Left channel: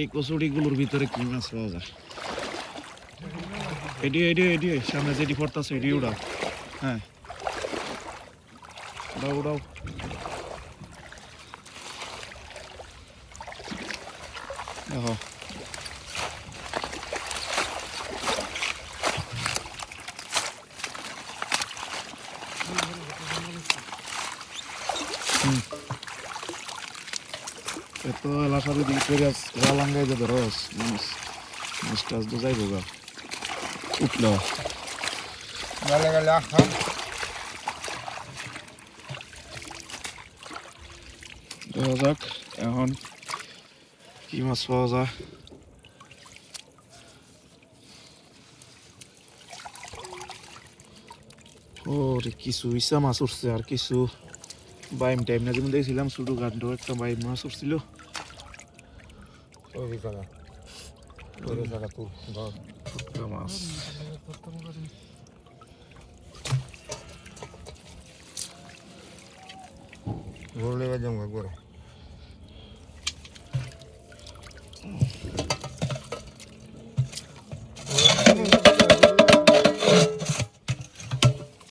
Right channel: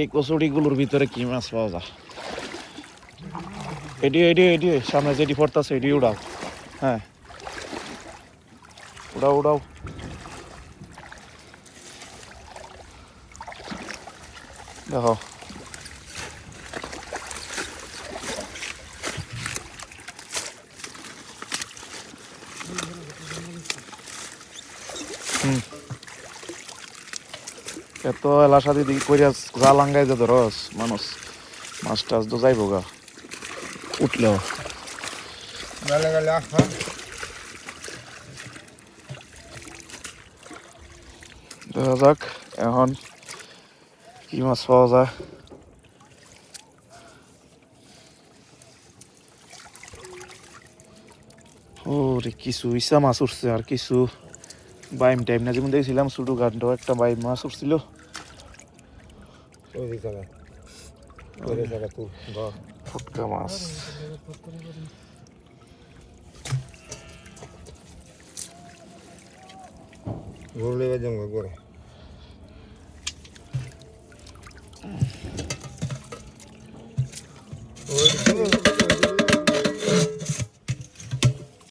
এই কচুরিগুলোর ভিতরে কি মাছ পাওয়া যায়? এডি সামনে যেটি পড়তেছে এডি উড়াও। হ্যাঁ, উড়াও দেখো। এত এলাকা যদি করিয়া জালাঙ্গাই যে ধরস মানুষ মাছ টাছ তো যাইব গা উঠলো। দেখা যাক এখন কি মাছ পাওয়া যায়। ওরে কিছু ইসা মাছ উঠছে আর কিছু বাইম টাইম না, যেমন দেখছিলাম ছোটো গান্ড একটা বাইম মাছ উঠছিল। ফুটকা মাছ